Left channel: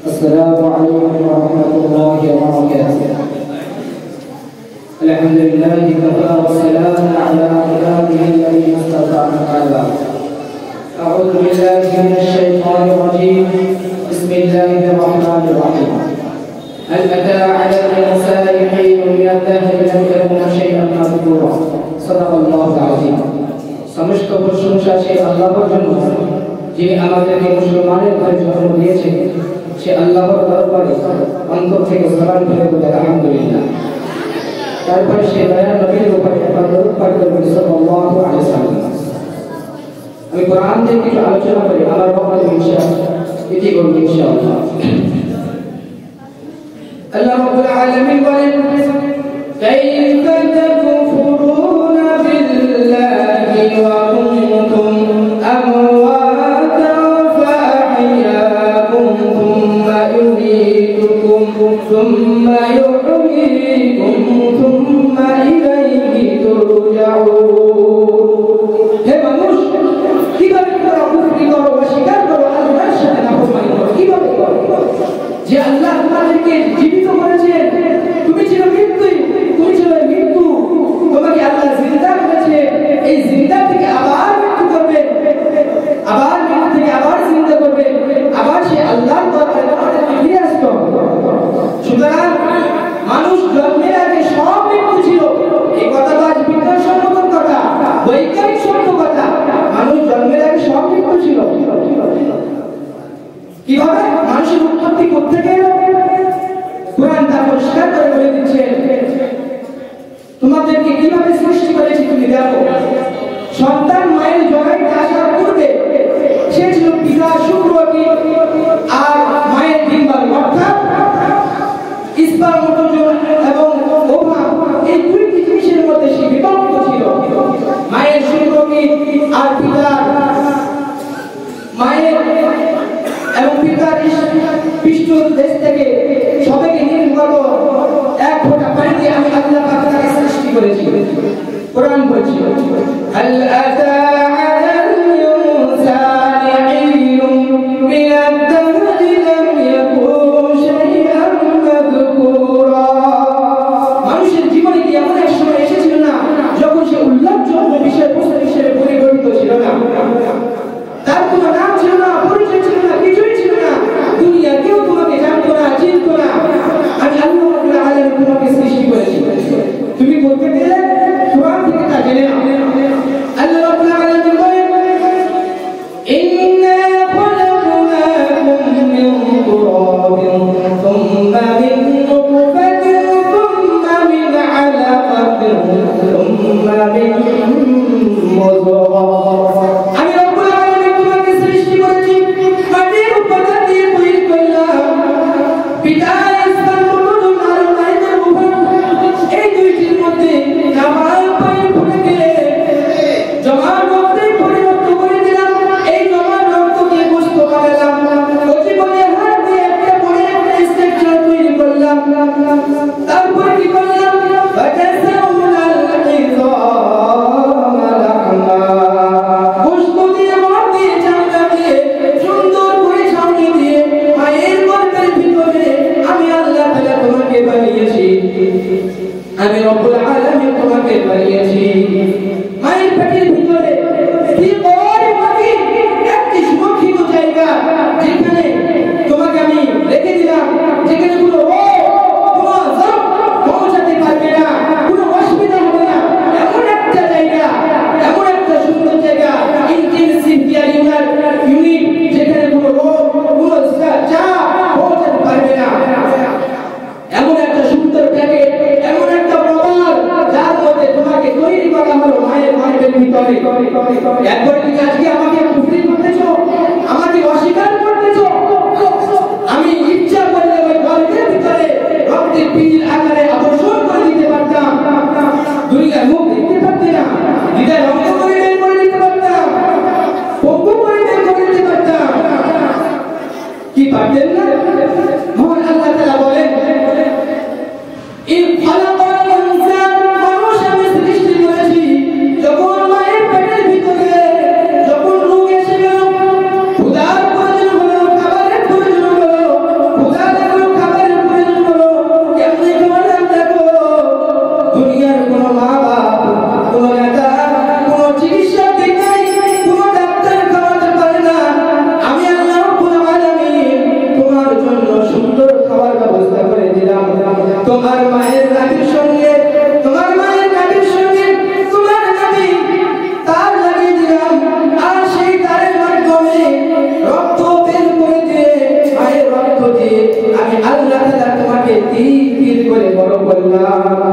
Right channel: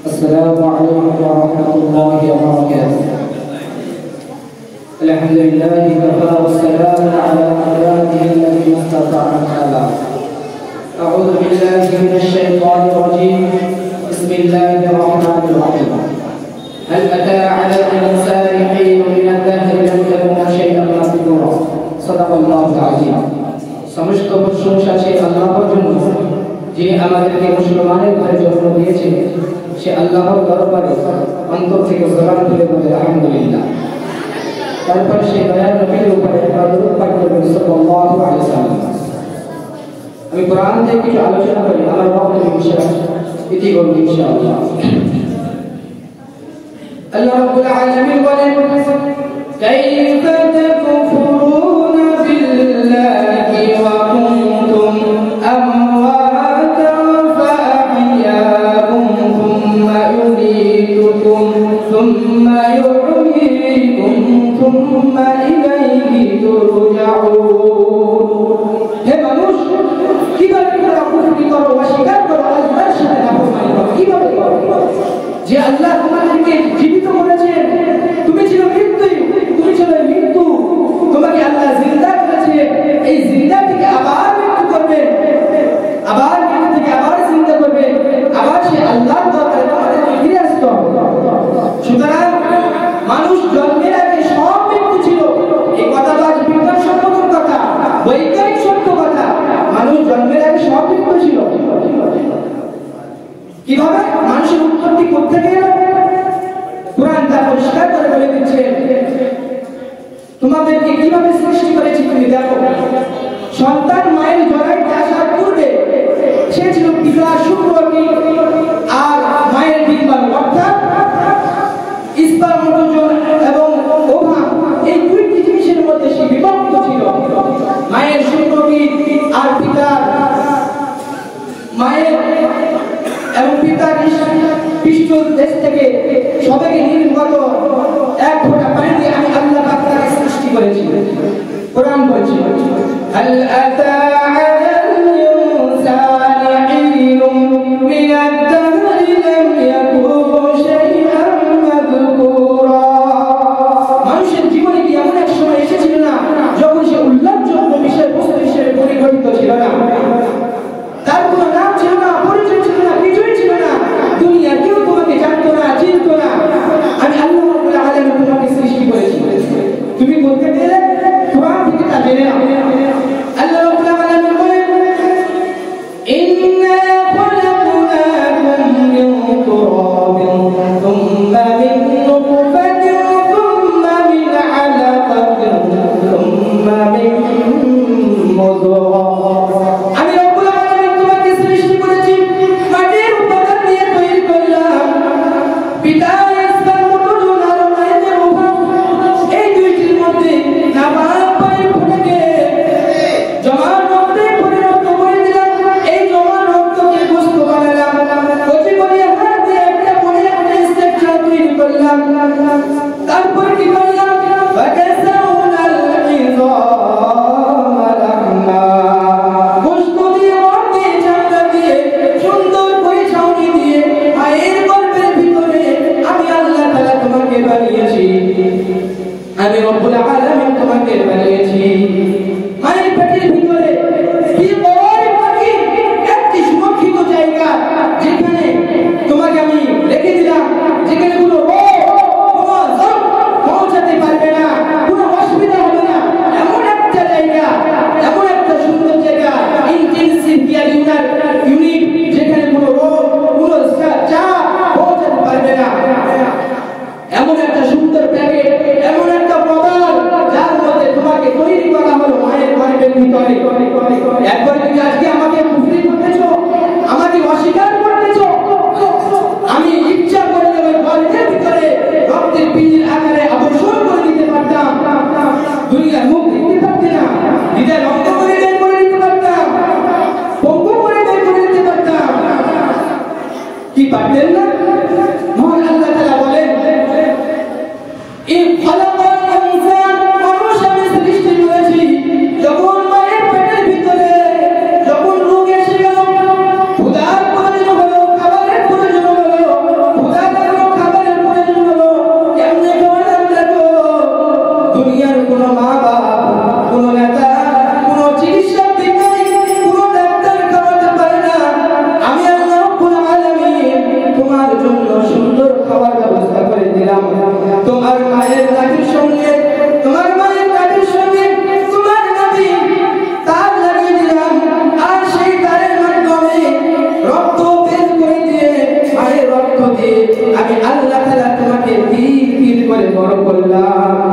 السلام عليكم ورحمة الله وبركاته. الحمد لله وكفى والسلام على عباده الذين اصطفى أما أعوذ بالله من الشيطان الرجيم. بسم الله الرحمن الرحيم. هل أتى على الإنسان حين من الدهر لم يكن شيئا مذكورا. صدق الله العظيم. সমস্ত প্রশংসা সেই আল্লাহর জন্য যে আমাদেরকে মুসলমানের ঘরে জন্ম দিয়েছে। সে আল্লাহর দরবারে অন্তর থেকে সালাম করে বলে আলহামদুলিল্লাহ। তারপর সে দয়ার নবীর উপরে দরুদ পাঠ করবেন সাল্লাল্লাহু আলাইহি ওয়াসাল্লাম। আমি কোরআন থেকে কিছু আলোচনা করি, আমার বক্তব্য ইনশাআল্লাহ এটি করব ইনশাআল্লাহ। আল্লাহ রাব্বুল আলামিন বলেন কাইফা তাকফুরুনা বিল্লাহি ওয়া কুনতুম আমওয়াতান ফাআহইয়াকুম থুম্মা ইউমীতুকুম থুম্মা ইউহয়ীকুম থুম্মা ইলাইহি তুরজাউন। হে মানুষ, কিভাবে তোমরা কুফরি করো, অস্বীকার করো, আল্লাহর সাথে নাফরমানি করো? কিভাবে করো? যে আল্লাহ তোমাদেরকে জীবিত করেছেন, তুমি ছিল মৃত্যু, তোমাকে আল্লাহ জিন্দা করেছে। এই জিন্দা থেকে আবার মৃত্যু করবে, আবার মৃত্যু থেকে আবার জিন্দা করবে, আবার সে আল্লাহর দরবারে তোমাদেরকে ফিরে আসতে হবে। সুতরাং মানুষ জন্মের আগে সব মৃত্যু ছিল। এই কথাটা আজ বিজ্ঞানসম্মত কথা, বৈজ্ঞানিক সত্য কথা। মানুষ জন্মের আগে সব মৃত্যু ছিল। কিভাবে মানুষের উৎপত্তি করতে গেল কোরআন তা পরিষ্কার করে বলে দিচ্ছে। তোমাদেরকে কিভাবে সৃষ্টি করেছি তুমি দেখো। সন্তান মায়ের জরায়ুতে আসার পূর্বে সে ছিল পিতা শুক্রবতী আর মায়ের ডিম্বাণু, অর্থাৎ স্পার্মটোজোন এবং ওভা, এই দুইটি জিনিসের মধ্যে সে বিভক্ত ছিল। মায়ের শুক্রবতী আর পিতার মায়ের এবং পিতার পৃষ্ঠদেশ থেকে সবাইকে নির্গত এক ফোঁটা পানি দিয়ে আমি আল্লাহ পাক তাকে সৃষ্টি করেছি। কোরআন বলছে হাল আতা আলাল ইনসানি হিনুম মিনাদ দাহরি লাম ইয়াকুন শাইআন মাযকুরা। মানুষের জীবনে কি এমন এক সময় এসেছিল না যখন সে উল্লেখযোগ্য বিষয়বস্তু হিসেবে পরিগণিত ছিল না? তার কোনো নাম ছিল না, পরিচয় ছিল না, কিছুই ছিল না। দুনিয়া কেউ তোমাকে জানতো না, চিনতো না। আমি আল্লাহ রাব্বুল আলামিন তোমাকে সৃষ্টি করেছি। তুমি বলতে গেলে কোরআন থেকে তা জেনে নাও। আল্লাহ الله